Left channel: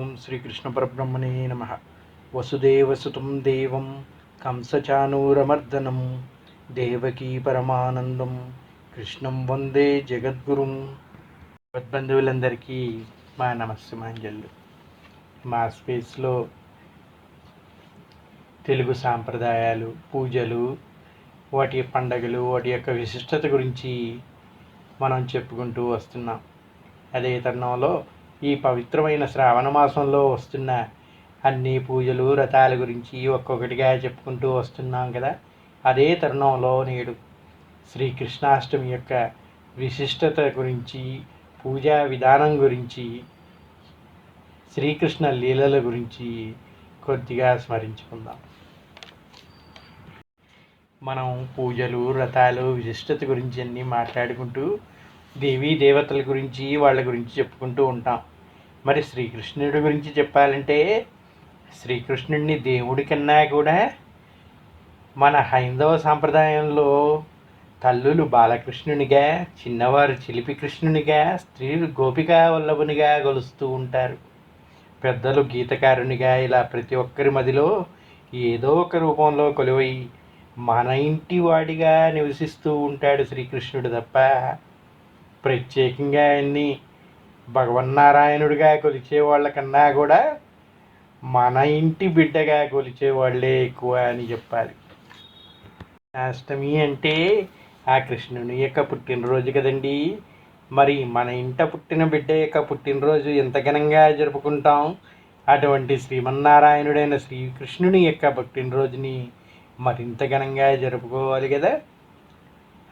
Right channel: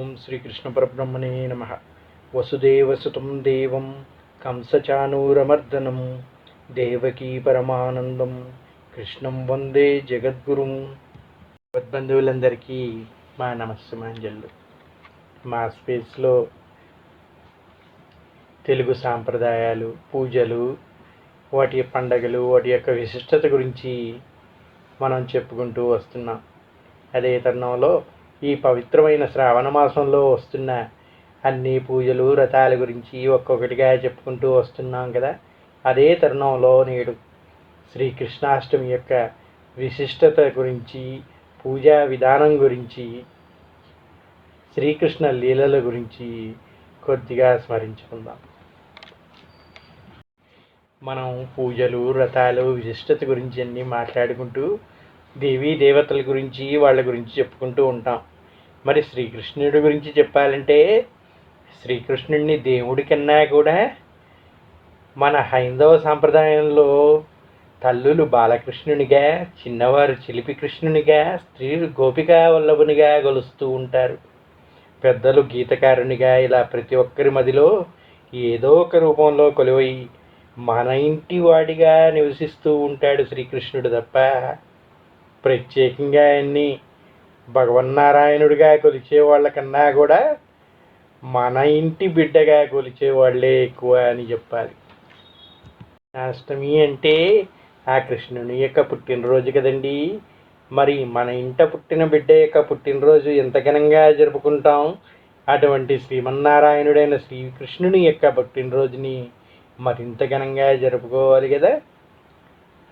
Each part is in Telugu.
ఓం శ్రీకృష్ణ పరబ్రహ్మణే నమ. వసుదేవసుతం దేవం కంసచానూరమర్దనం దేవకీ పరమానందం కృష్ణం వందే జగద్గురుం. బంధువులందరికీ మా నమస్సమాంజలు. మా స్పేస్లో తెలుగు సాంప్రదాయాలు పూజలు వాటి పండగలు వాటి యొక్క విశిష్టత గురించి మనం చెప్పుకుంటూ వస్తున్నాం. అదే తరుణంలో ఈ పవిత్రమైన శ్రావణ మాసంలో వస్తున్న అన్ని పూజలు వ్రతాల గురించి ఒక్కొక్కటిగా చెప్పుకుంటూ వస్తున్నాం కదా. అదే తరుణంలో నేడు శ్రీకృష్ణాష్టమి యొక్క విశిష్టత గురించి పూజా విధానం గురించి శ్రీకృష్ణ లీలల గురించి కొద్దిగా స్మరించుకుందాం. మనం పూజలు వ్రతాలు విశిష్టత గురించి అన్నీ మాట్లాడుకుంటూ దేవీ దేవతల గురించి వాళ్ళ గురించి చెప్పుకుంటూ ఉంటాం. మరి శ్రీకృష్ణుడి గురించి చెప్పాలంటే శ్రీకృష్ణుడిని దేవుడి కన్నా కూడా మన హైందవ సాంప్రదాయంలో తల్లులు బాలకృష్ణునిగా చిన్నవారు చిలిపి కృష్ణునిగా స్త్రీలు గోపికా వల్లభునిగా గొలుస్తూ ఉంటారు. పెద్దలు గీతకారునిగా ఇలా ప్రతి ఒక్కరి మదిలో ఏదో ఒక రూపంలో కొలువై మన ఇంటి వాడిగా నివసిస్తూ ఉంటాడు శ్రీకృష్ణుడు తప్ప ప్రత్యేకంగా ఆయన్ని భగవన్నారాయణుడిగా కొలిచే వాళ్ళకన్నా కూడా మన ఇంటి బిడ్డగా కొలిచే వాళ్ళే ఎక్కువ అని చెప్పాలి. అష్టమి అంటే ఆ కృష్ణుని యొక్క పుట్టినరోజు కదండి. మరి మన ఇంట పుట్టిన బిడ్డ యొక్క పుట్టినరోజు ఎంత ఘనంగా జరుపుకుంటాం? అటువంటి శ్రీమన్నారాయణుడైన శ్రీకృష్ణుని యొక్క పుట్టినరోజుని మరింత ఘనంగా జరుపుకోవాలి కదా.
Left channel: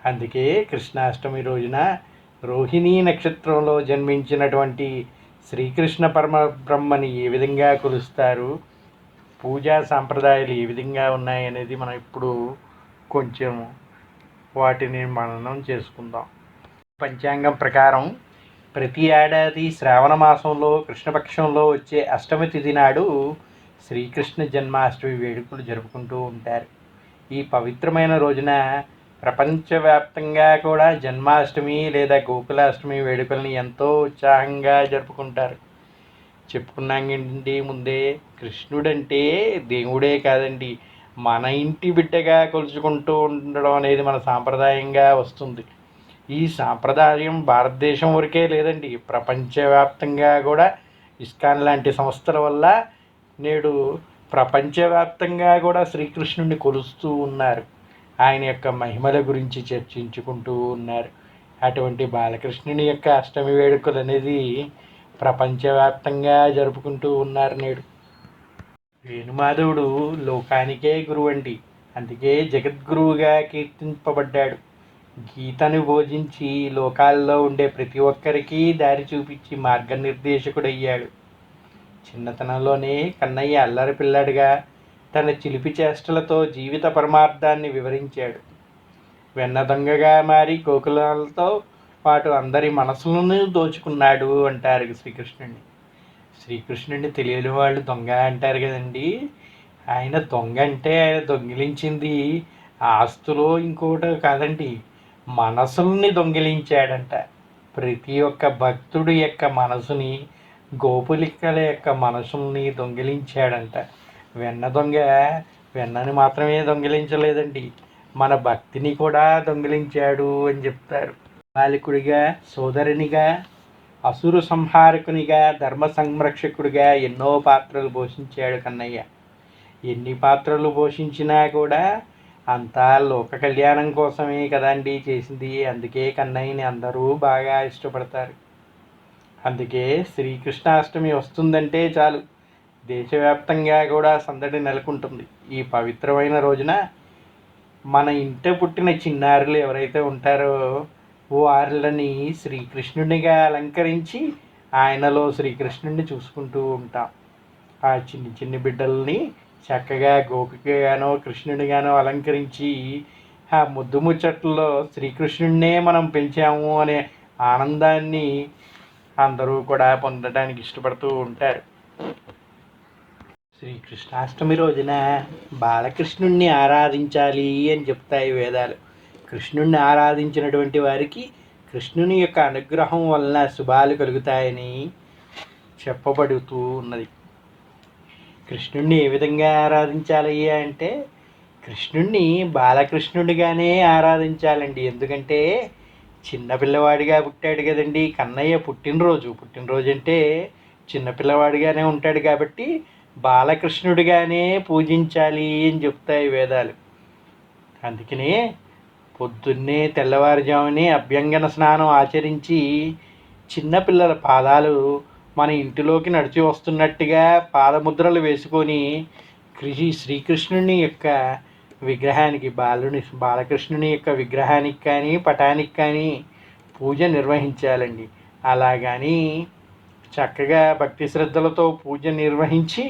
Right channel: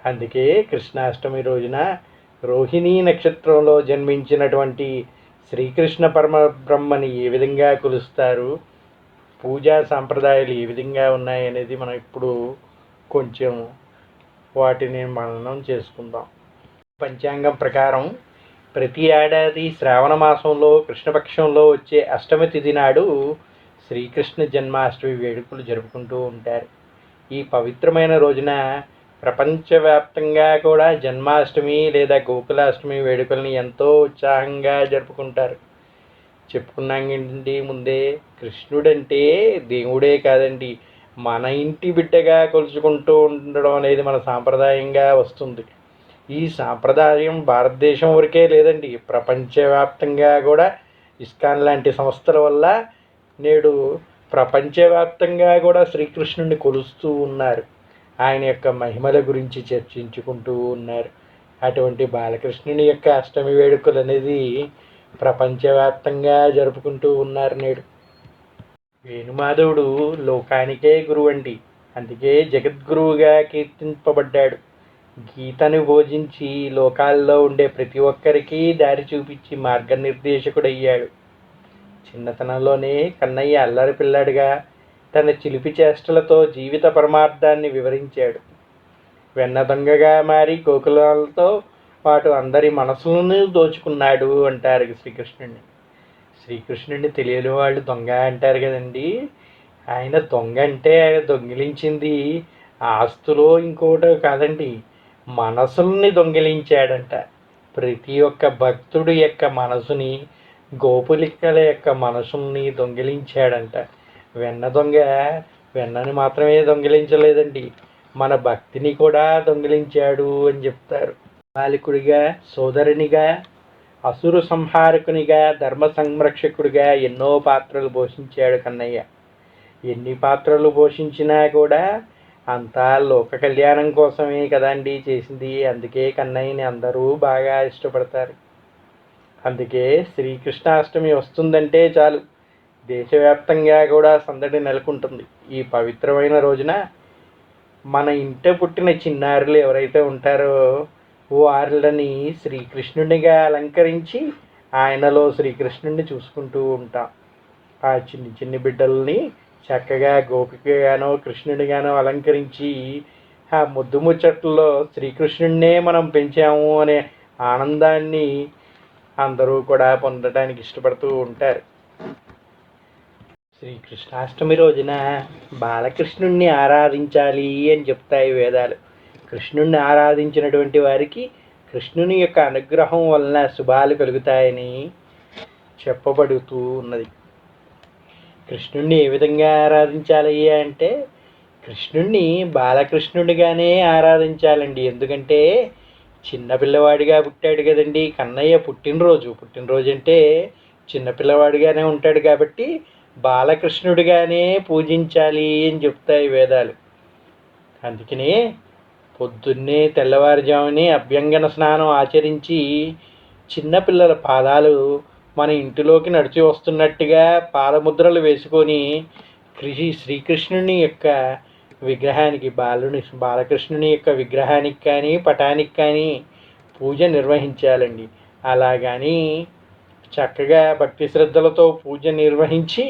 అందుకే కృష్ణాష్టమి రోజున రోహిణీ నక్షత్రంలో జన్మించినటువంటి శ్రీకృష్ణ పరమ బ్రహ్మని ఏ విధంగా కొలుస్తారు? పూజా సాంప్రదాయాలు ఏ విధంగా ఉన్నాయనేది మనం ఇప్పుడు కొంచెం వాటిని మననం చేసుకుందాం. పంచాంగం ప్రకారం ప్రతి ఏడాది శ్రావణ మాసంలో కృష్ణపక్షంలో వచ్చే అష్టమి తిథి నాడు శ్రీకృష్ణ జన్మాష్టమి వేడుకలు జరుపుకుంటూ ఉంటారు. ఈ పవిత్రమైన రోజున ప్రపంచవ్యాప్తంగా కూడా జన్మాష్టమి లేదా గోకులాష్టమి వేడుకల్ని ఎంతో ఉత్సాహంగా జరుపుకుంటారు. చెప్పుకున్నాం ఏంటండి ముందే కృష్ణుడంటే దేవుడే కాదండి. మన ఇంటి బిడ్డగా కొలుచుకుంటూ ఉండడం అనేది మన సాంప్రదాయంగా వస్తుంది. ఈ సాంప్రదాయం భారతదేశం వరకే లేదండి. ప్రపంచవ్యాప్తంగా కూడా ఇస్కాన్ లాంటి సంస్థల వల్ల నేడు ప్రపంచవ్యాప్తంగా కూడా శ్రీకృష్ణుడిని కొలుస్తూ ఉన్నారు. ఆయన యొక్క మహిమల గురించి చర్చించుకుంటూ ఉన్నారు. అటువంటి బాలకృష్ణుని యొక్క అష్టమి వేడుకలు అనేది ప్రపంచవ్యాప్తంగా జరుపుకుంటూ ఉన్నారు నేడు. వేణుమాధవుడు లోకానికే గురువండి. అందుకే జగద్గురువుగా కీర్తింపబడ్డాడు. గీతను బోధించి లోకాల్లో ఉండే ప్రతి ఒక్కరికి దారి చూపించి మార్గనిర్దేశకుడయ్యాడు. చిన్నతనంలోనే కన్నయ్య అల్లరి పిల్లాడిగా తన చిలిపి చేష్టలతో జీవిత పరమార్థాన్ని వివరించాడు. వెన్న దొంగగా మారి గోకులాలతో పాటు అందరి మనసులను దోచుకున్నాడు అంటారు శ్రీకృష్ణుడిని శ్రీకృష్ణుడిని తెలియని వాళ్ళు దొంగ అంటారు కదండి. ఆయన దొంగ అంటే ఆయన దొంగిలించింది ఆస్తులో ఇంకోటో కాదండి మనసుల్ని దొంగిలించాడంట. ప్రతి ఒక్క భక్తుడి యొక్క మనసుని గోపులిక్కల యొక్క మనసుల్ని దొంగిలించాడంట. వెన్న దొంగ వెన్నని మాత్రమే దొంగిలించలేదండి. మన భక్తిని కూడా దొంగిలించాడు అని చెప్తారు. బాలికుడిగా సోదరునిగా అసురు సంహారకునిగా ధర్మ సంరక్షకుడిగా ఎన్నో పాత్రలు పోషించాడు కన్నయ్య. ఎన్ని పాత్రలు పోషించినా కూడా అంతా లోక కళ్యాణం కోసమే కదండి చేసింది. అందుకే కన్నయ్యని అందరూ బాగా ఇష్టపడతారు. అందుకే శ్రీకృష్ణాష్టమి వస్తుందంటే చాలు. దేశవ్యాప్తంగా కూడా సందడి నెలకొంటుంది. ఈ పవిత్రమైన రోజున మన ఇంట పుట్టిన చిన్నారులు ఎవరైతే ఉంటారో వారిని శ్రీకృష్ణునిగా అలంకరించి ఆయనలో శ్రీకృష్ణుడిని చూసుకుంటూ ఉంటాం. ఆ చిన్ని చిన్ని బిడ్డల్ని చక్కగా గోపికగానో కృష్ణుడిగానో అలంకరించి ఆ ముద్దు ముచ్చట్లలో శ్రీకృష్ణుడినే మనం పెంచాము అనే ఆనందాన్ని అందరూ కూడా పొందడానికి ఇష్టపడుతూ ఉంటారు. శ్రీకృష్ణాష్టమి రోజున బాలకృష్ణుణ్ణి ఆరాధించాలి అని చెప్తాయి వేదాలు. కృష్ణుణ్ణి ఆరాధించినటువంటి వారికి కృష్ణుని యొక్క అనుగ్రహం వలన శుభాలు కలుగుతాయని చెప్పబడుతూ ఉన్నది. కృష్ణుణ్ణి ఏ విధంగా ఆరాధించాలి అంటే కృష్ణుణ్ణి బాలకృష్ణుడిగానే ఆరాధించాలండి. ఎందుకంటే చిన్నపిల్లవాడిగా పుట్టాడు కదండి. కన్నయ్య పుట్టినరోజు. పుట్టినరోజు అంటే చిన్నపిల్లవాడిగానే ఉంటాడు కాబట్టి బాలకృష్ణుడిగానే పూజించాలి అని చెప్తాయి వేదాలు. అందుకనే పొద్దున్నే తెల్లవారుజామునే అభ్యంగన స్నానం ఆచరించి చిన్నపిల్లల పాదాలు మన ఇంటిలోకి నడిచి వస్తున్నట్టుగా పాదముద్రలు వేసుకొని కృషి శ్రీకృష్ణుని యొక్క విగ్రహానికి బాలుని బాలకృష్ణుని యొక్క విగ్రహానికి కానీ పటానికి కానీ పూజ నిర్వహించాలండి. అలా కానీ చక్కగా భక్తి శ్రద్ధలతో పూజ నిర్వహించి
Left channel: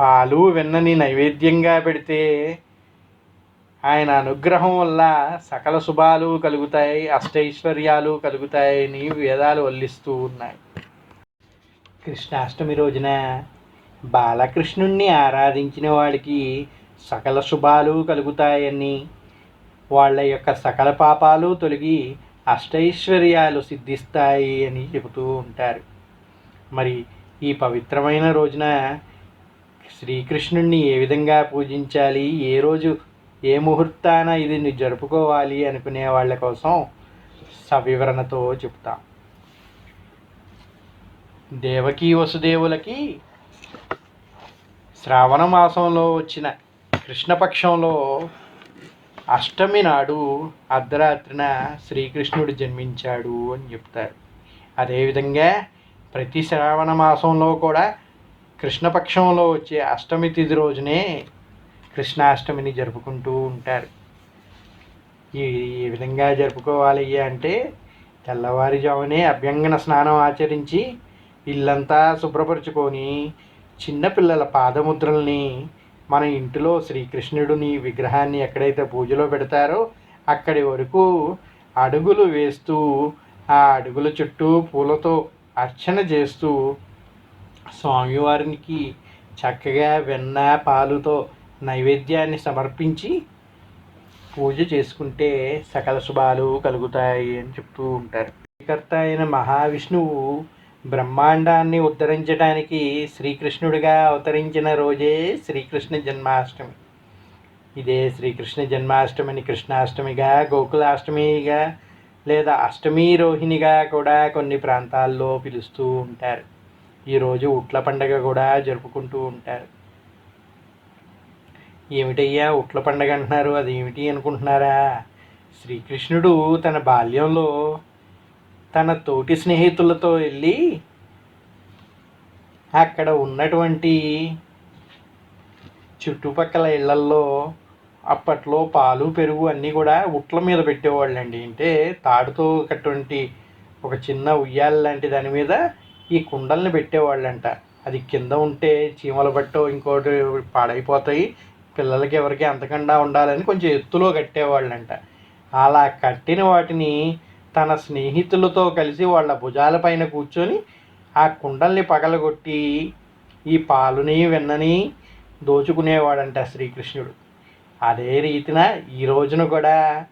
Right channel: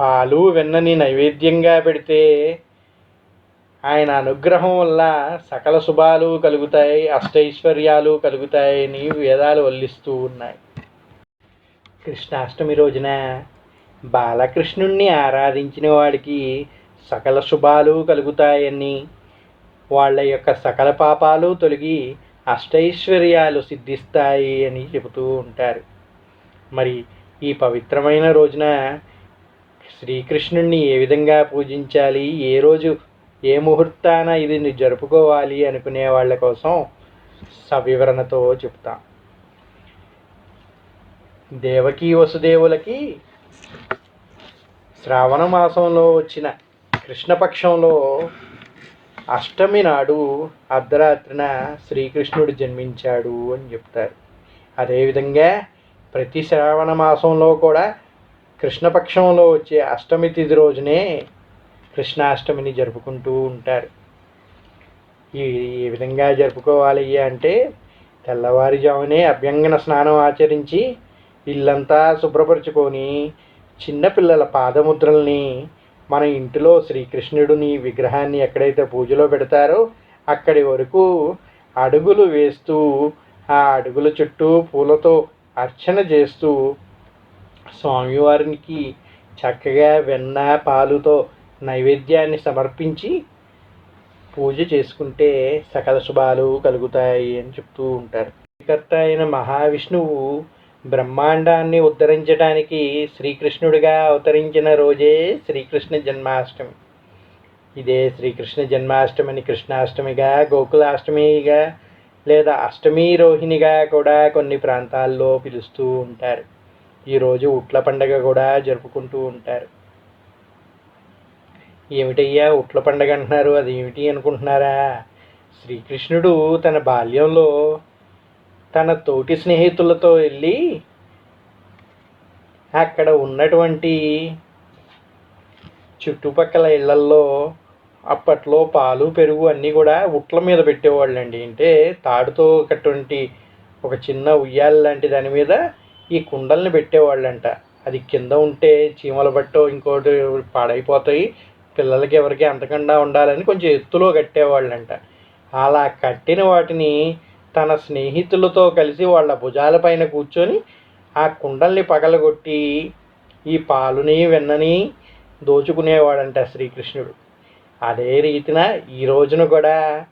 పాలు వెన్నని నైవేద్యంగా పెడితే ఆయన అనుగ్రహం వల్ల సకల శుభాలు కలుగుతాయి అష్టైశ్వర్యాలు కలుగుతాయని వేదాలు వల్లిస్తూ ఉన్నాయి. కృష్ణాష్టమి రోజున బాలకృష్ణుణ్ణి ఆరాధించిన వాడికి సకల శుభాలు కలుగుతాయని వాళ్ళ యొక్క సకల పాపాలు తొలగి అష్టైశ్వర్యాలు సిద్ధిస్తాయి అని చెబుతూ ఉంటారు. మరి ఈ పవిత్రమైన రోజున శ్రీకృష్ణుణ్ణి ఏ విధంగా పూజించాలి? ఏ రోజు ఏ ముహూర్తాన ఇది జరుపుకోవాలి అనుకునే వాళ్ళ కోసం సవివరణతో చెప్తాం. దేవకీ వసుదేవులకి శ్రావణ మాసంలో వచ్చిన కృష్ణపక్షంలో అష్టమి నాడు అర్ధరాత్రిన శ్రీకృష్ణుడు జన్మించాడు అని చెప్తారు. అదేవిధంగా ప్రతి శ్రావణ మాసంలో కూడా కృష్ణపక్షంలో వచ్చే అష్టమి తిథి రోజునే కృష్ణాష్టమిని జరుపుకుంటూ ఉంటారు. ఈ ఏ విధంగా జరుపుకోవాలి అంటే తెల్లవారుజామునే అభ్యంగన స్నానం ఆచరించి ఇల్లంతా శుభ్రపరుచుకొని చిన్నపిల్లల పాదముద్రల్ని మన ఇంటిలో శ్రీకృష్ణుడిని విగ్రహాన్ని ఎక్కడైతే పూజలో పెడతారో అక్కడి వరకు అడుగులు వేస్తూ ఆ అడుగుల చుట్టూ పూలతో అర్చన చేస్తూ స్వామివారికి చక్కగా వెన్న పాలుతో నైవేద్యాన్ని సమర్పించి పూజ చేసుకుంటే సకల శుభాలు కలుగుతాయి అని చెప్తూ ఉంటారు. కర్త అయిన మహావిష్ణువు బ్రహ్మాండాన్ని ఉద్ధరించడానికి శ్రీకృష్ణుడిగా అవతరించిన రోజే శ్రీకృష్ణ జన్మాష్టమి. ఇదే శ్రీకృష్ణ జన్మాష్టమిని కృష్ణాష్టమిగా గోకులాష్టమిగా లేదా అష్టమి రోహిణిగా కూడా కొన్ని ప్రాంతాల్లో పిలుస్తూ ఉంటారు. ఈరోజు ఉట్ల పండగ కూడా జరుపుకుంటూ ఉంటారు. ఏమిటయ్యా ఉట్ల పండగ అంటున్నారు? అది ఏమిటి అనుకుంటున్నారా? శ్రీకృష్ణుడు తన బాల్యంలో తన తోటి స్నేహితులతో వెళ్ళి అక్కడ ఉన్నటువంటి చుట్టుపక్కల ఇళ్ళల్లో అప్పట్లో పాలు పెరుగు అన్నీ కూడా ఉట్ల మీద పెట్టేవాళ్ళండి. అంటే తాడుతో ఒకటువంటి ఒక చిన్న ఉయ్యాల లాంటి దాని మీద ఈ కుండల్ని పెట్టేవాళ్ళంట. అది కింద ఉంటే చీమలు పట్టో ఇంకోటి పాడైపోతాయి. పిల్లలకి ఎవరికి అంతకుండా ఉండాలని కొంచెం ఎత్తులో కట్టేవాళ్ళంట. అలా కట్టిన వాటిని తన స్నేహితులతో కలిసి వాళ్ళ భుజాలపైన కూర్చొని ఆ కుండల్ని పగలగొట్టి ఈ పాలుని వెన్నని దోచుకునేవాడంట శ్రీకృష్ణుడు. అదే రీతిన ఈ రోజున కూడా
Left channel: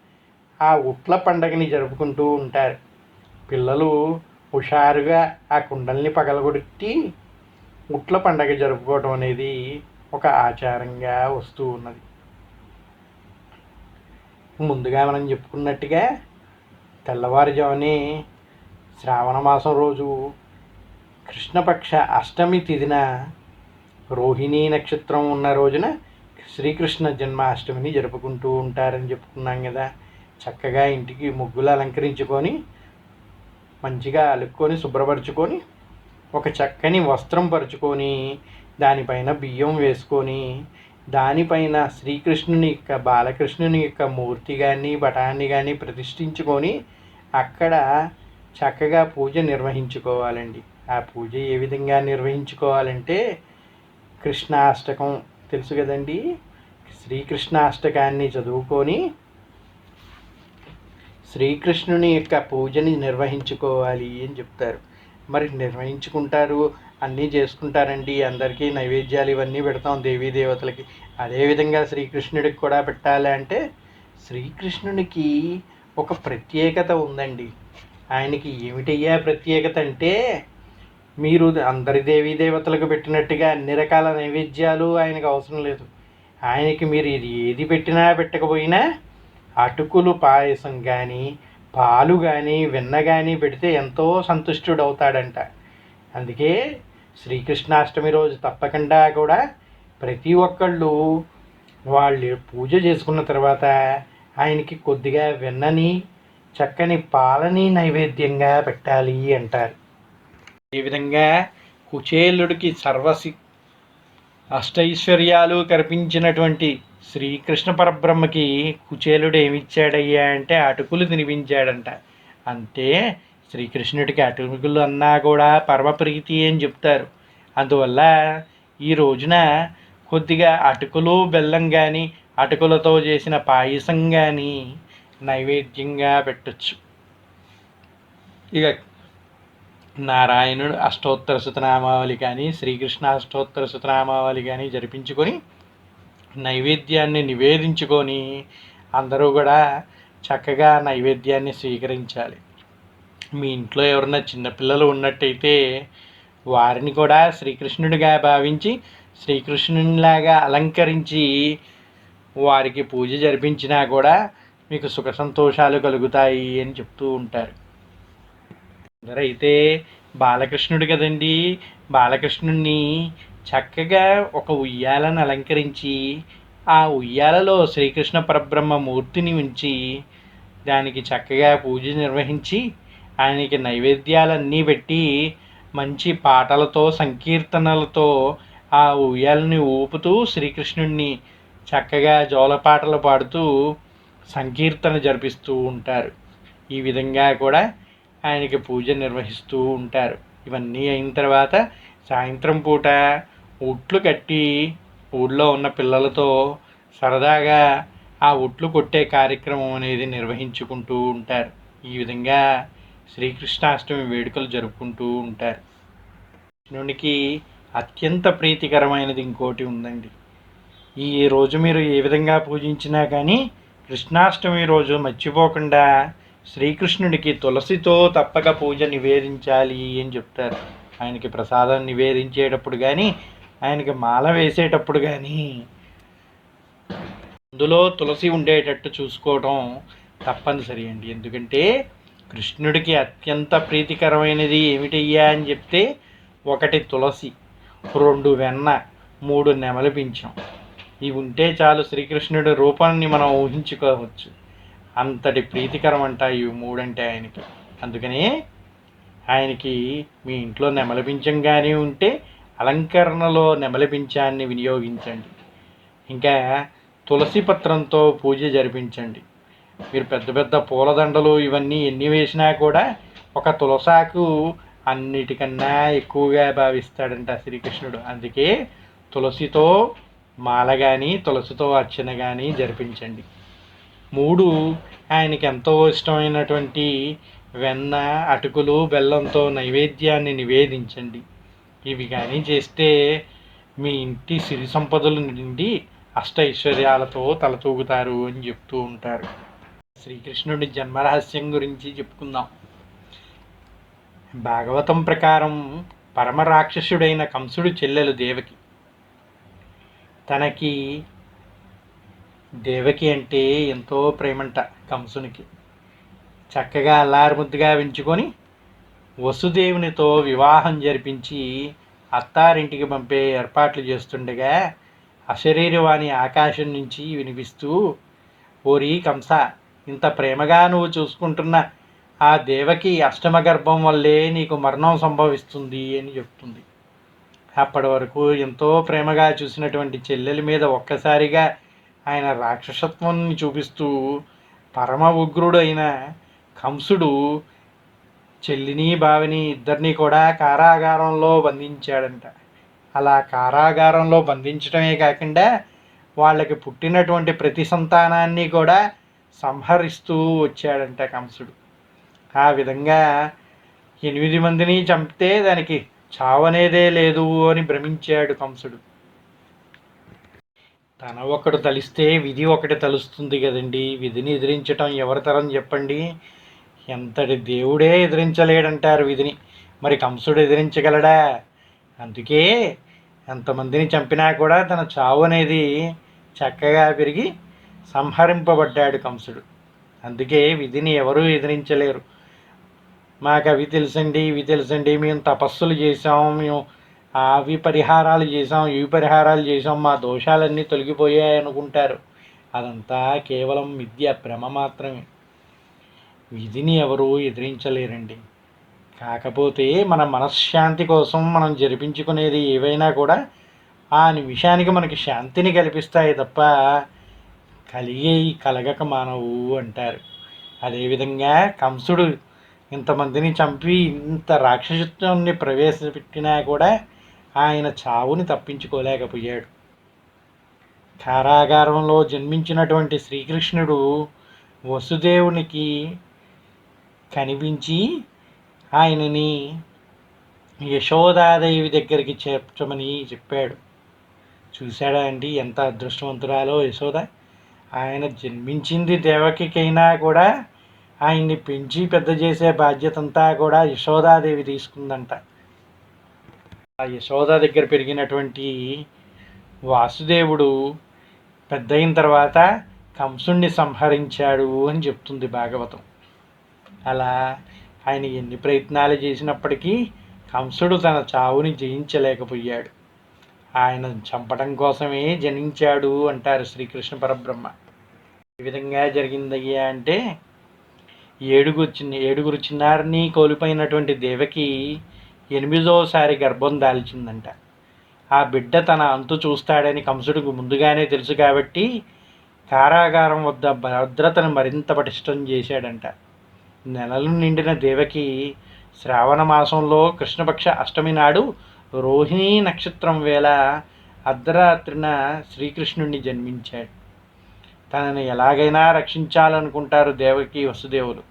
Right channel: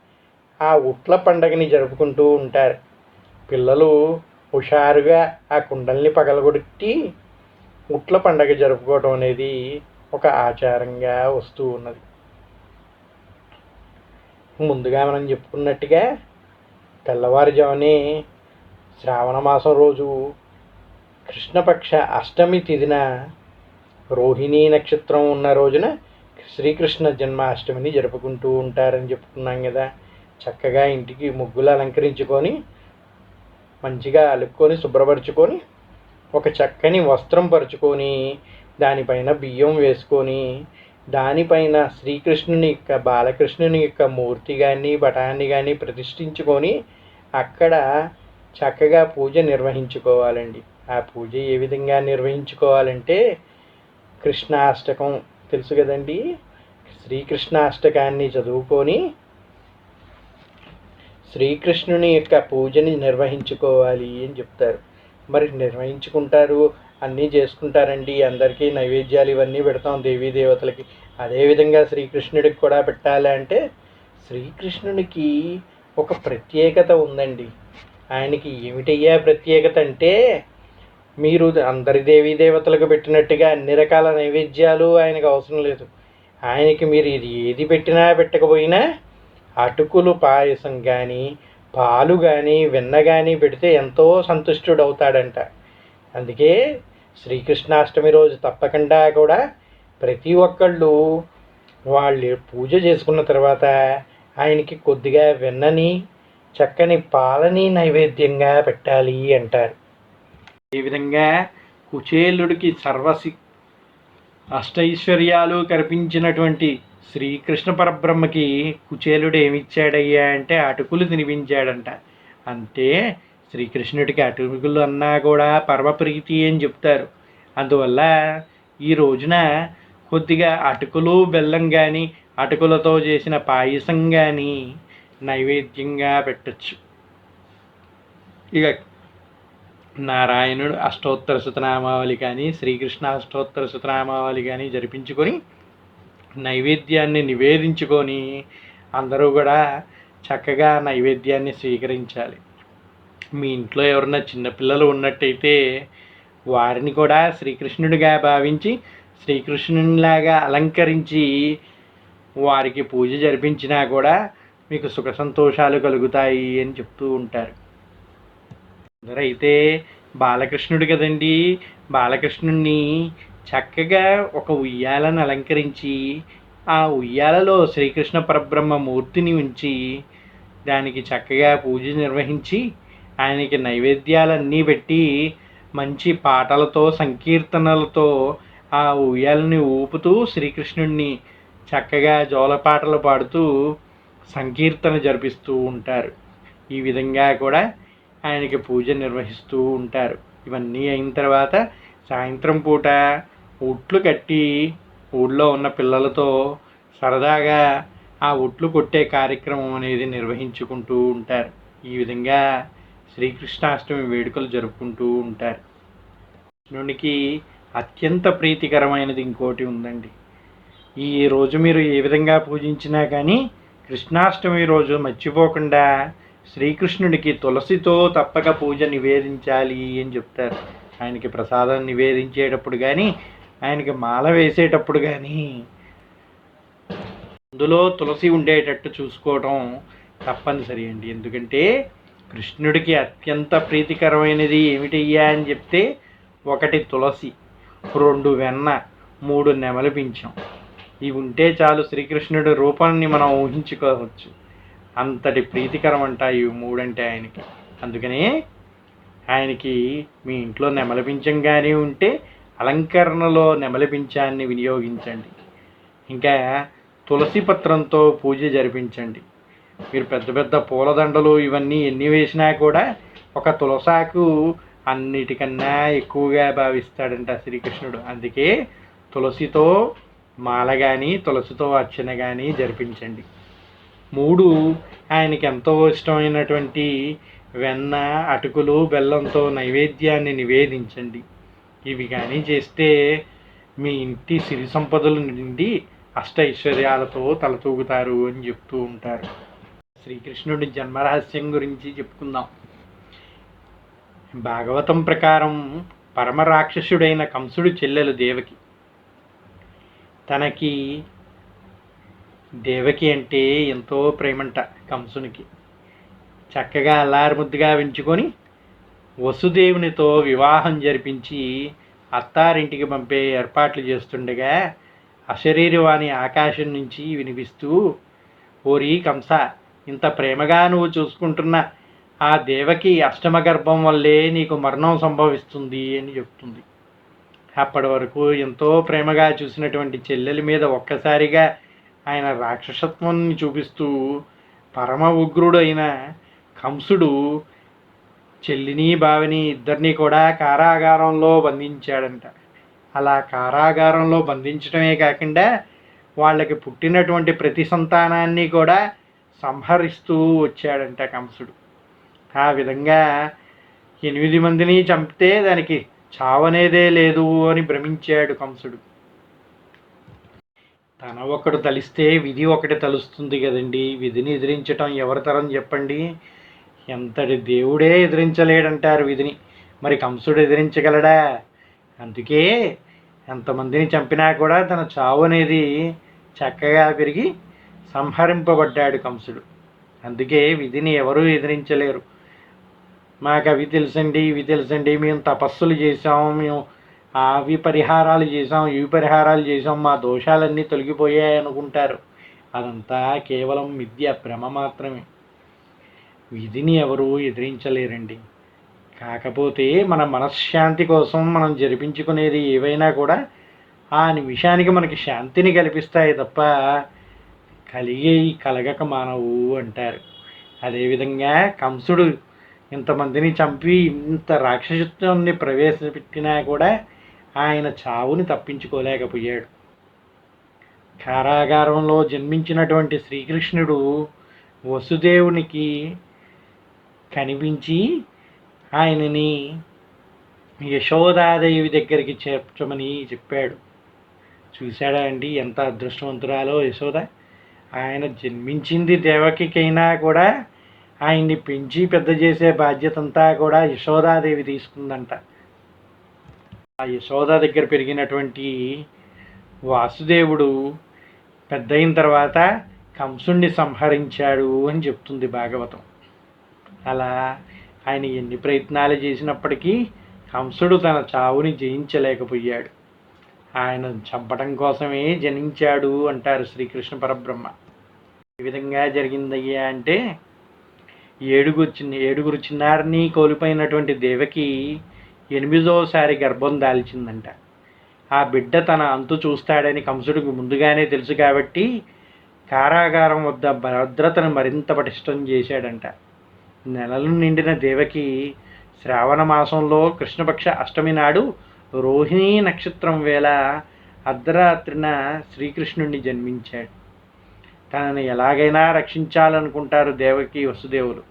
ఆ ఉట్ల పండగని జరుపుకుంటూ ఉంటారు. పిల్లలు హుషారుగా ఆ కుండల్ని పగలగొట్టి ఉట్ల పండగ జరుపుకోవడం అనేది ఒక ఆచారంగా వస్తూ ఉన్నది. ముందుగా మనం చెప్పుకున్నట్టుగా తెల్లవారుజామునే శ్రావణ మాసం రోజు కృష్ణపక్ష అష్టమి తిదిన రోహిణీ నక్షత్రం ఉన్న రోజున శ్రీకృష్ణ జన్మాష్టమిని జరుపుకుంటూ ఉంటారని చెప్పుకున్నాం కదా. చక్కగా ఇంటికి ముగ్గులు అలంకరించుకొని మంచిగా అలుక్కొని శుభ్రపరచుకొని ఒక చక్కని వస్త్రం పరుచుకొని దానిపైన బియ్యం వేసుకొని దానిపైన శ్రీకృష్ణుని యొక్క బాలకృష్ణుని యొక్క మూర్తి కానీ పటాన్ని కానీ ప్రతిష్ఠించుకొని అక్కడ చక్కగా పూజ నిర్వహించుకోవాలండి. ఆ పూజ ఏ విధంగా నిర్వహించుకోవాలంటే కృష్ణాష్టకం తెలుసు కదండి? శ్రీకృష్ణాష్టకాన్ని చదువుకొని శ్రీకృష్ణుని యొక్క పూజని నిర్వహించుకోవాలి అని చెప్తారు. మరి నిర్వహించుకుంటారు అన్నీ చేసుకుంటారండి అందరికీ నైవేద్యాలు ఇవన్నీ పెడతాం దేవీ దేవతలకి. అదేవిధంగా శ్రీకృష్ణుడికి కూడా పెట్టాలి అంటే శ్రీకృష్ణునికి ఒక ప్రత్యేకత ఉందండి. ఆయనకి ఏమిటయ్యా ప్రత్యేకత అంటే మీరు అందరి దేవీ దేవతలకు పెట్టినట్టుగా అన్ని రకాల నైవేద్యాలు ఆయనకు అవసరం లేదు. ఆయనకి మీరు ఇది ఏది పెట్టినా పెట్టకపోయినా అటుకులు పాయసం కానీ పాలు కానీ వెన్న కానీ పెడితే ఎంతో సంతుష్టుడవుతాడంట. అందుకే శ్రీకృష్ణాష్టమి రోజు తప్పకుండా కూడా ప్రతి ఒక్కళ్ళు వాళ్ళు పూజ చేసుకున్న తర్వాత ఆయనకి కొద్దిగా వెన్నని చక్కని పాలని నైవేద్యంగా పెట్టాలి అంటారు. ఈ విధంగా కుచేలుడికి సర్వసి అష్టైశ్వర్యాలు కల్పించినటువంటి శ్రీకృష్ణ పరబ్రహ్మకి కుచేలుడు ఏమిచ్చాడయ్యా అంటే అటుకులు తినిపించాడంట. అంటే శ్రీకృష్ణుడికి అటుకులు అన్నా కూడా పరమప్రీతి అని చెప్తారు. అందువల్ల ఈ రోజున కొద్దిగా అటుకులు బెల్లం కానీ అటుకులతో చేసిన పాయసం కానీ నైవేద్యంగా పెట్టచ్చు. ఇక నారాయణుడు అష్టోత్తర శతనామావళి కానీ శ్రీకృష్ణ అష్టోత్తర శతనామావళి కానీ జరిపించుకొని నైవేద్యాన్ని నివేదించుకొని అందరూ కూడా చక్కగా నైవేద్యాన్ని స్వీకరించాలి. మీ ఇంట్లో ఎవరన్నా చిన్నపిల్లలు ఉన్నట్టయితే వారిని కూడా శ్రీకృష్ణుడిగా భావించి శ్రీకృష్ణునిలాగా అలంకరించి వారికి పూజ జరిపించినా కూడా మీకు సుఖ సంతోషాలు కలుగుతాయి అని చెప్తూ ఉంటారు. అందరైతే బాలకృష్ణుడు కదండి బాలకృష్ణుణ్ణి చక్కగా ఒక ఉయ్యాలను అలంకరించి ఆ ఉయ్యాలలో శ్రీకృష్ణ పరబ్రహ్మ మూర్తిని ఉంచి దానికి చక్కగా పూజ నిర్వహించి ఆయనకి నైవేద్యాలన్నీ పెట్టి మంచి పాటలతో సంకీర్తనలతో ఆ ఉయ్యాలని ఊపుతూ శ్రీకృష్ణుడిని చక్కగా జోలపాటలు పాడుతూ సంకీర్తన జరిపిస్తూ ఉంటారు. ఈ విధంగా కూడా ఆయనకి పూజ నిర్వహిస్తూ ఉంటారు. ఇవన్నీ అయిన తర్వాత సాయంత్రం పూట ఉట్లు కట్టి ఊళ్ళో ఉన్న పిల్లలతో సరదాగా ఆ ఉట్లు కొట్టే కార్యక్రమం అనేది నిర్వహించుకుంటూ ఉంటారు. ఈ విధంగా శ్రీకృష్ణాష్టమి వేడుకలు జరుపుకుంటూ ఉంటారు. కృష్ణునికి అత్యంత ప్రీతికరమైనది ఇంకోటి ఉందండి. ఈ రోజు మీరు ఏ విధంగా పూజించినా కానీ కృష్ణాష్టమి రోజు మర్చిపోకుండా శ్రీకృష్ణుడికి తులసితో తప్పక పూజ నివేదించాలి అని చెప్తారు. ఆయనకి ప్రసాదం నివేదించేటప్పుడు కానీ ఆయనకి మాల వేసేటప్పుడు కానీ అందులో తులసి ఉండేటట్టు చూసుకోవడం తప్పనిసరి అండి. ఎందుకంటే కృష్ణుడికి అత్యంత ప్రీతికరమైనది ఏమిటయ్యా అని చెప్తే ఒకటి తులసి రెండు వెన్న మూడు నెమలి పింఛం. ఇవి ఉంటే చాలు శ్రీకృష్ణుడి రూపాన్ని మనం ఊహించుకోవచ్చు. అంతటి ప్రీతికరం అంట ఇవి మూడంటే ఆయనకి. అందుకనే ఆయనకి మీ ఇంట్లో నెమలి పింఛం కానీ ఉంటే అలంకరణలో నెమలిపించాన్ని వినియోగించండి. ఇంకా తులసి పత్రంతో పూజ జరిపించండి. మీరు పెద్ద పెద్ద పూలదండలు ఇవన్నీ ఎన్ని వేసినా కూడా ఒక తులసాకు అన్నిటికన్నా ఎక్కువగా భావిస్తాడంట శ్రీకృష్ణుడు. అందుకే తులసితో మాల కానీ తులసితో అర్చన కానీ జరిపించండి. మూడు ఆయనకి ఎంతో ఇష్టమైనటువంటి వెన్న అటుకులు బెల్లంతో నైవేద్యాన్ని నివేదించండి. ఇవి కానీ చేస్తే మీ ఇంటి సిరి సంపదలు నిండి అష్ట ఐశ్వర్యాలతో తలతూగుతారు అని చెప్తూ ఉంటారు. శ్రీకృష్ణుడి జన్మరహస్యం గురించి చెప్పుకుందాం. భాగవతం ప్రకారం పరమ రాక్షసుడైన కంసుడు చెల్లెలు దేవకి. తనకి దేవకి అంటే ఎంతో ప్రేమంట కంసునికి. చక్కగా అల్లారుముద్దుగా పెంచుకొని వసుదేవునితో వివాహం జరిపించి అత్తారింటికి పంపే ఏర్పాట్లు చేస్తుండగా అశరీరవాణి ఆకాశం నుంచి వినిపిస్తూ ఓరి కంస ఇంత ప్రేమగా నువ్వు చూసుకుంటున్న ఆ దేవకి అష్టమ గర్భం వల్లే నీకు మరణం సంభవిస్తుంది అని చెప్తుంది. అప్పటి వరకు ఎంతో ప్రేమగా చూసినటువంటి చెల్లెలి మీద ఒక్కసారిగా ఆయన రాక్షసత్వాన్ని చూపిస్తూ పరమ ఉగ్రుడైన కంసుడు చెల్లిని బావిని ఇద్దరిని కూడా కారాగారంలో బంధించాడంట. అలా కారాగారంలో బంధించడమే కాకుండా వాళ్ళకి పుట్టినటువంటి ప్రతి సంతానాన్ని కూడా సంహరిస్తూ వచ్చాడంట కంసుడు. ఆ విధంగా ఎనిమిది మందిని చంపితే దానికి చావనేదే లేదు అని భ్రమించాడు కంసుడు. తన ఒకడు తలిస్తే విధి ఒకటి తలుస్తుంది కదండి. విధిని ఎదిరించటం ఎవరి తరం చెప్పండి? ఎంతటి దేవుడే ఎదిరించలేడంటారు విధిని. మరి కంసుడు ఎదిరించగలడా? అందుకే ఎంతమందిని చంపినా కూడా తన చావు అనేది చక్కగా పెరిగి సంహరింపబడ్డాడు కంసుడు. అందుకే విధిని ఎవరూ ఎదిరించలేరు. మాకు అవి తెలుసండి ఇవి తెలుసండి. మేము తపస్సులు చేసాం మేము అవి పరిహారాలు చేసాం ఇవి పరిహారాలు చేసాం మా దోషాలన్నీ తొలగిపోయాయి అనుకుంటారు అదంతా కేవలం విద్య భ్రమ మాత్రమే. విధిని ఎవరు ఎదిరించలేరండి. కాకపోతే మన మనశ్శాంతి కోసం మనం జరిపించుకునేది ఏవైనా కూడా ఆ నిమిషానికి మనకి శాంతిని కల్పిస్తాయి తప్ప కలిగే కలగక మానవు అంటారు. అదేవిధంగా కంసుడు ఇంతమందిని చంపి ఇంత రాక్షసత్వాన్ని ప్రవేశపెట్టినా కూడా ఆయన చావుని తప్పించుకోలేకపోయాడు. కారాగారంలో జన్మించినటువంటి శ్రీకృష్ణుడు వసుదేవునికి కనిపించి ఆయనని యశోదాదేవి దగ్గరికి చేర్చమని చెప్పాడు. చూశాడా అండి ఎంత అదృష్టవంతురాలో యశోద? ఆయన జన్మించింది దేవకికైనా కూడా ఆయన్ని పెంచి పెద్ద చేసే బాధ్యత అంతా కూడా యశోదాదేవి తీసుకుందంట. ఆ యశోద దగ్గర పెరిగినటువంటి వాసుదేవుడు పెద్ద అయిన తర్వాత కంసుణ్ణి సంహరించాడు అని చెప్తుంది భాగవతం. అలా ఆయన ఎన్ని ప్రయత్నాలు చేసినప్పటికీ కంసుడు తన చావుని జయించలేకపోయాడు. ఆయన చంపడం కోసమే జనించాడు అంటారు శ్రీకృష్ణ పరబ్రహ్మ. ఏ విధంగా జరిగిందయ్యా అంటే ఏడుగురు చిన్న ఏడుగురు చిన్నారిని కోల్పోయినటువంటి దేవకి ఎనిమిదోసారి గర్భం దాల్చిందంట. ఆ బిడ్డ తన అంతు చూస్తాడని కంసుడికి ముందుగానే తెలుసు కాబట్టి కారాగారం వద్ద భద్రతను మరింత పటిష్టం చేశాడంట. నెలలు నిండిన దేవకి శ్రావణ మాసంలో కృష్ణపక్ష అష్టమి నాడు రోహిణీ నక్షత్రం వేళ అర్ధరాత్రిన శ్రీకృష్ణుణ్ణి జన్మించాడు. తనని ఎలాగైనా రక్షించాలనుకుంటారు దేవకి వసుదేవులు.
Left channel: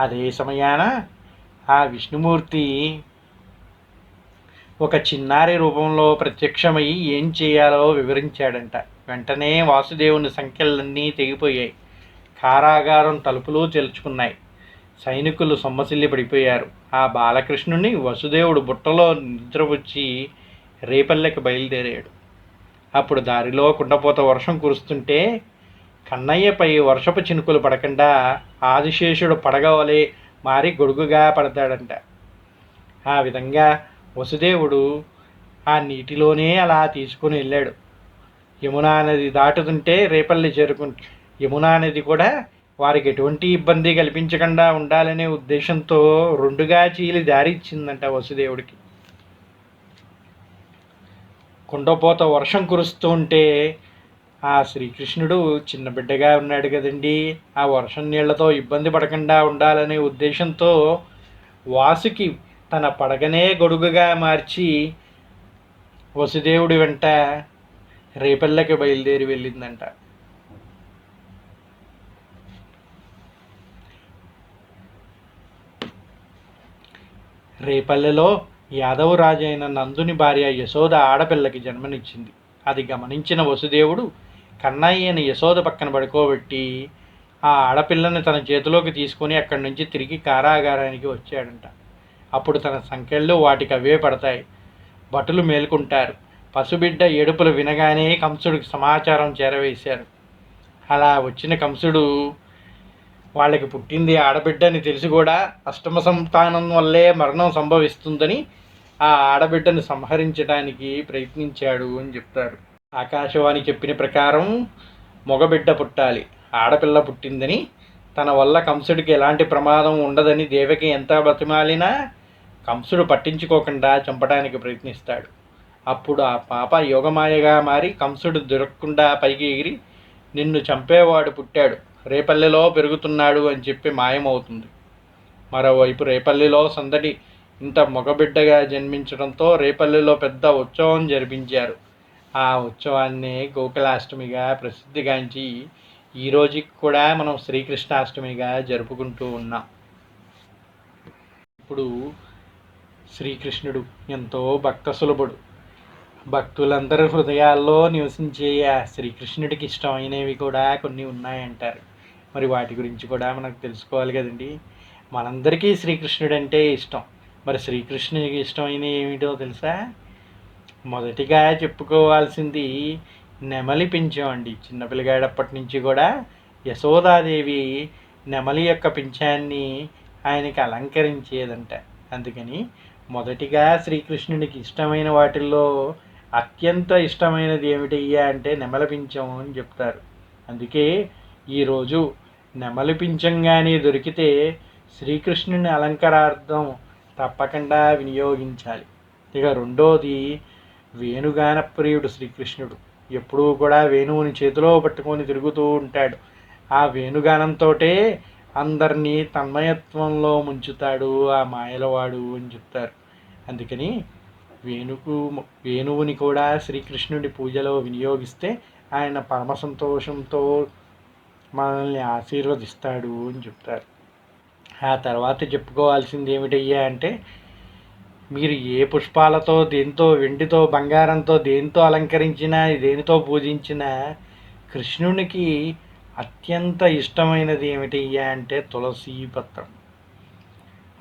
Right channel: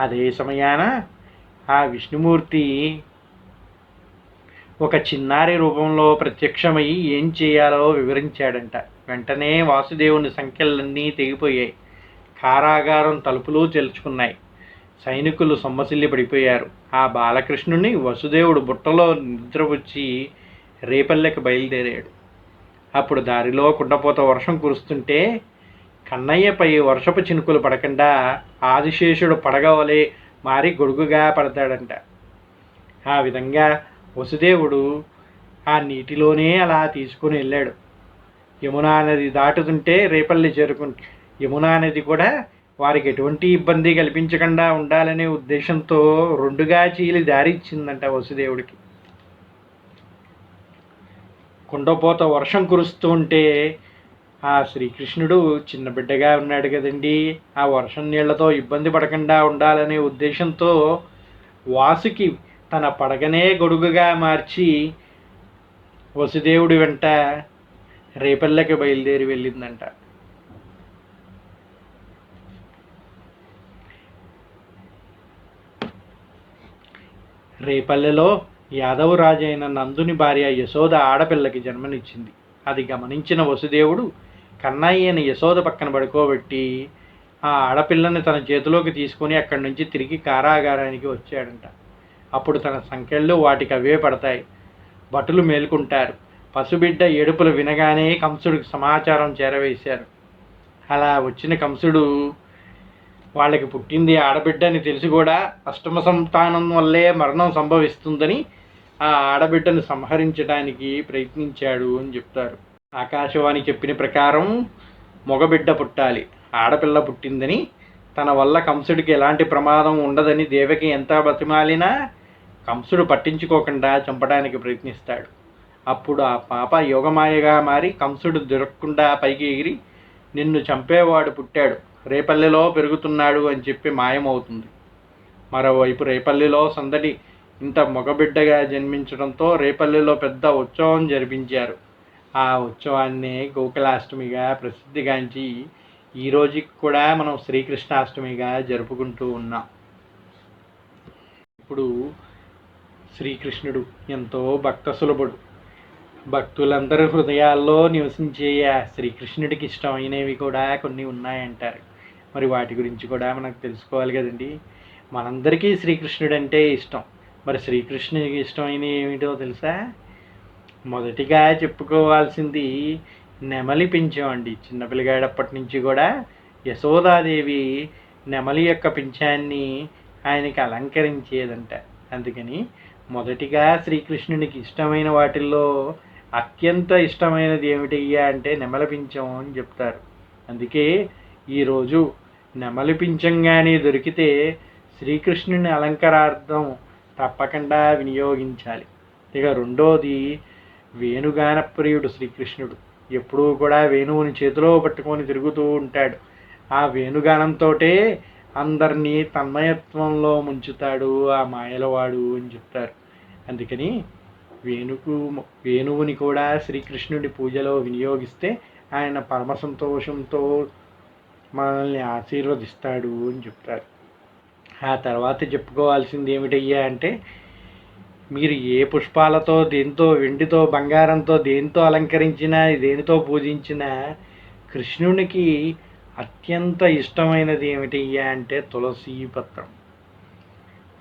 అదే సమయాన ఆ విష్ణుమూర్తి ఒక చిన్నారి రూపంలో ప్రత్యక్షమై ఏం చేయాలో వివరించాడంట. వెంటనే వాసుదేవుని సంఖ్యలన్నీ తెగిపోయాయి. కారాగారం తలుపులు తెరుచుకున్నాయి. సైనికులు సొమ్మసిల్లి పడిపోయారు. ఆ బాలకృష్ణుని వసుదేవుడు బుట్టలో నిద్రపుచ్చి రేపల్లెకి బయలుదేరాడు. అప్పుడు దారిలో కుండపోత వర్షం కురుస్తుంటే కన్నయ్యపై వర్షపు చినుకులు పడకుండా ఆదిశేషుడు పడగవలే మారి గొడుగుగా పడతాడంట. ఆ విధంగా వసుదేవుడు ఆ నీటిలోనే అలా తీసుకుని వెళ్ళాడు. యమునా నది దాటుతుంటే రేపల్లి చేరుకుంటాడు యమునా నది కూడా వారికి ఎటువంటి ఇబ్బంది కల్పించకుండా ఉండాలనే ఉద్దేశంతో రెండుగా చీలి దారి ఇచ్చిందంట వసుదేవుడికి. కుండపోత వర్షం కురుస్తూ ఉంటే ఆ శ్రీకృష్ణుడు చిన్న బిడ్డగా ఉన్నాడు కదండి. ఆ వర్షం నీళ్ళతో ఇబ్బంది పడకుండా ఉండాలనే ఉద్దేశంతో వాసుకి తన పడగనే గొడుగుగా మార్చి వసుదేవుడి వెంట రేపల్లకి బయలుదేరి వెళ్ళిందంట. రేపల్లెలో యాదవరాజైన అయిన నందుని భార్య యశోద ఆడపిల్లకి జన్మనిచ్చింది. అది గమనించిన వసుదేవుడు కన్నయ్యని యశోద పక్కన పడుకోబెట్టి ఆ ఆడపిల్లని తన చేతిలోకి తీసుకొని అక్కడి నుంచి తిరిగి కారాగారానికి వచ్చాడంట. అప్పుడు తన సంఖ్యలు వాటికి అవే పడతాయి. భటులు మేల్కుంటారు. పసుబిడ్డ ఏడుపులు వినగానే కంసుడికి సమాచారం చేరవేశారు. అలా వచ్చిన కంసుడు వాళ్ళకి పుట్టింది ఆడబిడ్డ అని తెలిసి కూడా అష్టమ సంతానం వల్లే మరణం సంభవిస్తుందని ఆ ఆడబిడ్డను సంహరించడానికి ప్రయత్నించాడు అని చెప్తారు. ఆకాశవాణి చెప్పిన ప్రకారం మగబిడ్డ పుట్టాలి ఆడపిల్ల పుట్టిందని. తన వల్ల కంసుడికి ఎలాంటి ప్రమాదం ఉండదని దేవకి ఎంత బతిమాలినా కంసుడు పట్టించుకోకుండా చంపడానికి ప్రయత్నిస్తాడు. అప్పుడు ఆ పాప యోగమాయగా మారి కంసుడు దొరకకుండా పైకి ఎగిరి నిన్ను చంపేవాడు పుట్టాడు. రేపల్లెలో పెరుగుతున్నాడు అని చెప్పి మాయమవుతుంది. మరోవైపు రేపల్లిలో సందడి ఇంత మగబిడ్డగా జన్మించడంతో రేపల్లిలో పెద్ద ఉత్సవం జరిపించారు. ఆ ఉత్సవాన్ని గోకులాష్టమిగా ప్రసిద్ధిగాంచి ఈ రోజుకి కూడా మనం శ్రీకృష్ణాష్టమిగా జరుపుకుంటూ ఉన్నాం. ఇప్పుడు శ్రీకృష్ణుడు ఎంతో భక్త సులభుడు భక్తులందరి హృదయాల్లో నివసించే ఆ శ్రీకృష్ణుడికి ఇష్టమైనవి కూడా కొన్ని ఉన్నాయంటారు. మరి వాటి గురించి కూడా మనకు తెలుసుకోవాలి కదండి. మనందరికీ శ్రీకృష్ణుడు అంటే ఇష్టం. మరి శ్రీకృష్ణుడికి ఇష్టమైన ఏమిటో తెలుసా? మొదటిగా చెప్పుకోవాల్సింది నెమలి పింఛమండి. చిన్నపిల్లగాడప్పటి నుంచి కూడా యశోదాదేవి నెమలి యొక్క పింఛాన్ని ఆయనకి అలంకరించేదంట. అందుకని మొదటిగా శ్రీకృష్ణునికి ఇష్టమైన వాటిల్లో అత్యంత ఇష్టమైనది ఏమిటయ్యా అంటే నెమలి పింఛం అని చెప్తారు. అందుకే ఈరోజు నెమలి పింఛం దొరికితే శ్రీకృష్ణుని అలంకారార్థం తప్పకుండా వినియోగించాలి. ఇక రెండోది వేణుగాన ప్రియుడు శ్రీకృష్ణుడు. ఎప్పుడూ కూడా వేణువుని చేతిలో పట్టుకొని తిరుగుతూ ఉంటాడు. ఆ వేణుగానంతో అందరినీ తన్మయత్వంలో ముంచుతాడు ఆ మాయలవాడు అని చెప్తారు. అందుకని వేణుకు వేణువుని కూడా శ్రీకృష్ణుడి పూజలో వినియోగిస్తే ఆయన పరమ సంతోషంతో మనల్ని ఆశీర్వదిస్తాడు అని చెప్తారు. ఆ తర్వాత చెప్పుకోవాల్సింది ఏమిటయ్యా అంటే మీరు ఏ పుష్పాలతో దేంతో వెండితో బంగారంతో దేంతో అలంకరించినా దేనితో పూజించినా కృష్ణునికి అత్యంత ఇష్టమైనది ఏమిటయ్యా అంటే తులసి పత్రం.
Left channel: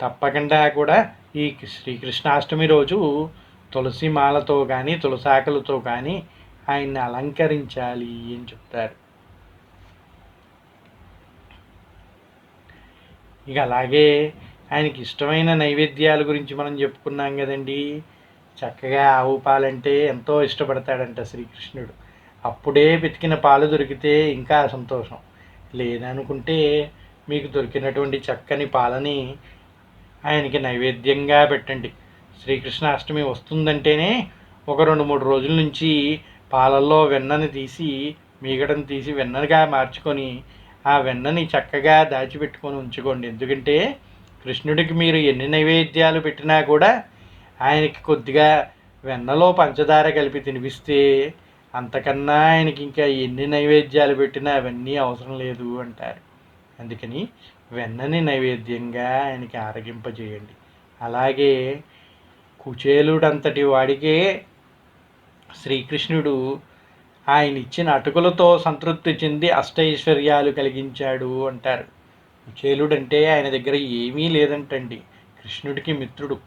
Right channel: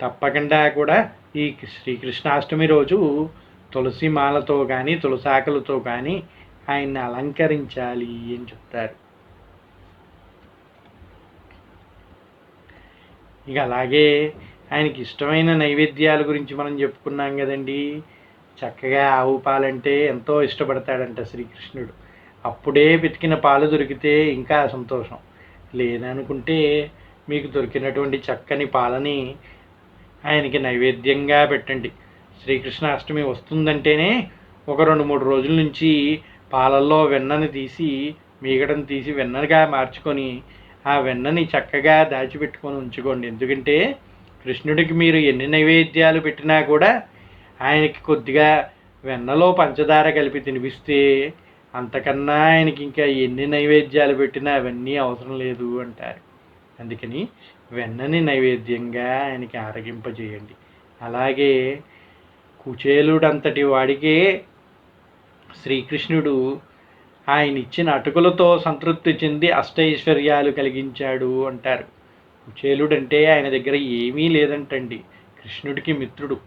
తప్పకుండా కూడా ఈ శ్రీకృష్ణాష్టమి రోజు తులసి మాలతో కానీ తులసాకులతో కానీ ఆయన్ని అలంకరించాలి అని చెప్తారు. ఇక అలాగే ఆయనకి ఇష్టమైన నైవేద్యాల గురించి మనం చెప్పుకున్నాం కదండి. చక్కగా ఆవు పాలంటే ఎంతో ఇష్టపడతాడంట శ్రీకృష్ణుడు. అప్పుడే వెతికిన పాలు దొరికితే ఇంకా సంతోషం. లేదనుకుంటే మీకు దొరికినటువంటి చక్కని పాలని ఆయనకి నైవేద్యంగా పెట్టండి. శ్రీకృష్ణాష్టమి వస్తుందంటేనే ఒక రెండు మూడు రోజుల నుంచి పాలల్లో వెన్నని తీసి మీగడని తీసి వెన్నగా మార్చుకొని ఆ వెన్నని చక్కగా దాచిపెట్టుకొని ఉంచుకోండి. ఎందుకంటే కృష్ణుడికి మీరు ఎన్ని నైవేద్యాలు పెట్టినా కూడా ఆయనకి కొద్దిగా వెన్నలో పంచదార కలిపి తినిపిస్తే అంతకన్నా ఆయనకి ఇంకా ఎన్ని నైవేద్యాలు పెట్టినా అవన్నీ అవసరం లేదు అంటారు. అందుకని వెన్నని నైవేద్యంగా ఆయనకి ఆరగింపజేయండి. అలాగే కుచేలుడంతటి వాడికే శ్రీకృష్ణుడు ఆయన ఇచ్చిన అటుకులతో సంతృప్తి చెంది అష్టైశ్వర్యాలు కలిగించాడు అంటారు. కుచేలుడంటే ఆయన దగ్గర ఏమీ లేదంటండి. కృష్ణుడికి మిత్రుడు.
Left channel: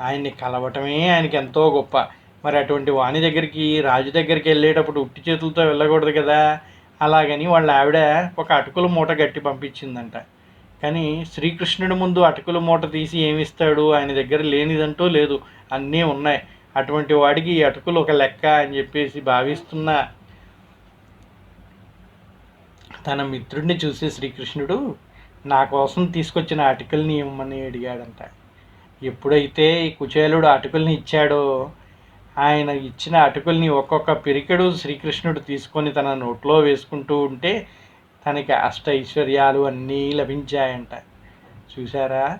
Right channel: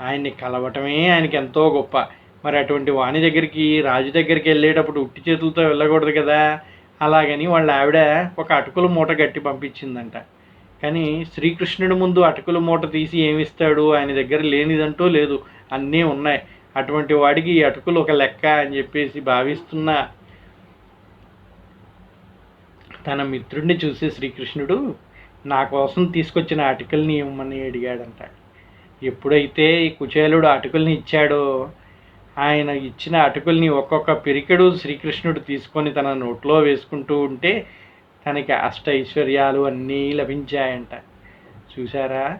ఆయన్ని కలవటమే ఆయనకి ఎంతో గొప్ప. మరి అటువంటి వాణి దగ్గరికి రాజు దగ్గరికి వెళ్ళేటప్పుడు ఉట్టి చేతులతో వెళ్ళకూడదు కదా? అలాగని వాళ్ళ ఆవిడ ఒక అటుకుల మూట గట్టి పంపించిందంట. కానీ శ్రీకృష్ణుడి ముందు అటుకుల మూట తీసి ఏమిస్తాడు? ఆయన దగ్గర లేనిదంటూ లేదు. అన్నీ ఉన్నాయి. అటువంటి వాడికి ఈ అటుకులు ఒక లెక్క అని చెప్పేసి భావిస్తున్న తన మిత్రుడిని చూసి శ్రీకృష్ణుడు నా కోసం తీసుకొచ్చిన అటుకుల్ని ఇవ్వమని అడిగాడంట. ఎప్పుడైతే ఈ కుచేలుడు అటుకుల్ని ఇచ్చాడో ఆయన ఇచ్చిన అటుకుల్ని ఒక్కొక్క పిరికెడు శ్రీకృష్ణుడు తీసుకొని తన నోట్లో వేసుకుంటూ ఉంటే తనకి అష్ట ఐశ్వర్యాలు అన్నీ లభించాయంట. చూసారా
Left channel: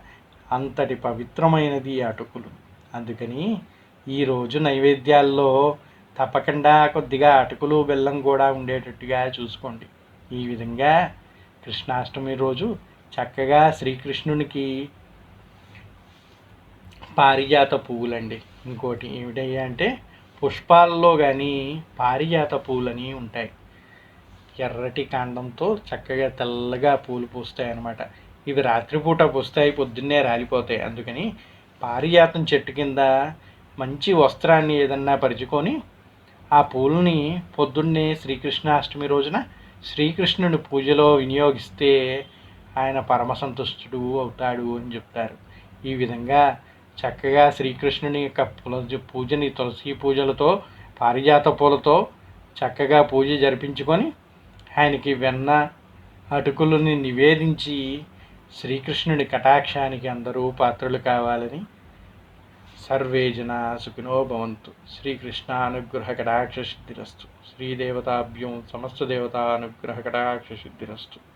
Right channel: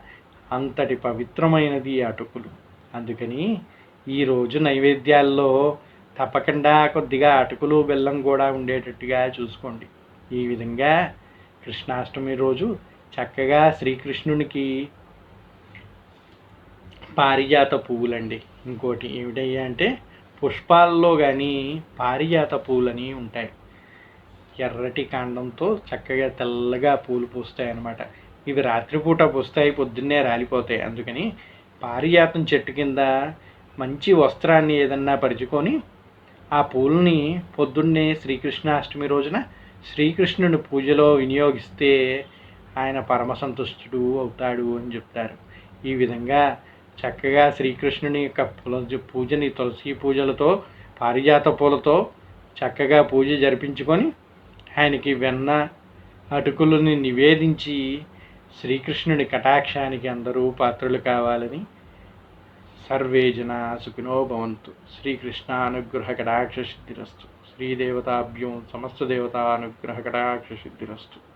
అంతటి పవిత్రమైనది ఈ అటుకులు. అందుకని ఈరోజు నైవేద్యాల్లో తప్పకుండా కొద్దిగా అటుకులు బెల్లం కూడా ఉండేటట్టుగా చూసుకోండి. ఈ విధంగా కృష్ణాష్టమి రోజు చక్కగా శ్రీకృష్ణునికి పారిజాత పువ్వులండి. ఇంకోటి ఏమిటయ్యా అంటే పుష్పాల్లో కానీ పారిజాత పువ్వులని ఉంటాయి. ఎర్రటి కాండంతో చక్కగా తెల్లగా పూలు పూస్తాయి అన్నమాట ఇవి రాత్రిపూట పూస్తాయి పొద్దున్నే రాలిపోతాయి. అందుకని పారిజాతం చెట్టు కింద మంచి వస్త్రాన్ని ఏదన్నా పరుచుకొని ఆ పూలని పొద్దున్నే శ్రీకృష్ణాష్టమి రోజున శ్రీకృష్ణుని పూజలో వినియోగిస్తే ఆయన పరమ సంతుష్టుడు అవుతాడు అని చెప్తారు. ఈ విధంగా చక్కగా శ్రీకృష్ణుని యొక్క తులసి పూజని తులసి పూజలతో పారిజాత పూలతో చక్కగా పూజ జరిపించుకొని ఆయనకి వెన్న అటుకులని నివేదించి శ్రీకృష్ణుని కటాక్షానికి అందరూ పాత్రలు కావాలని సర్వే జనా సుఖినో భవంతు. శ్రీకృష్ణ అనుగ్రహ కటాక్ష సిద్ధిరస్తు. శ్రీదేవతాభ్యం సమస్త దేవతా అనుగ్రహ కటాక్ష సిద్ధిరస్తు.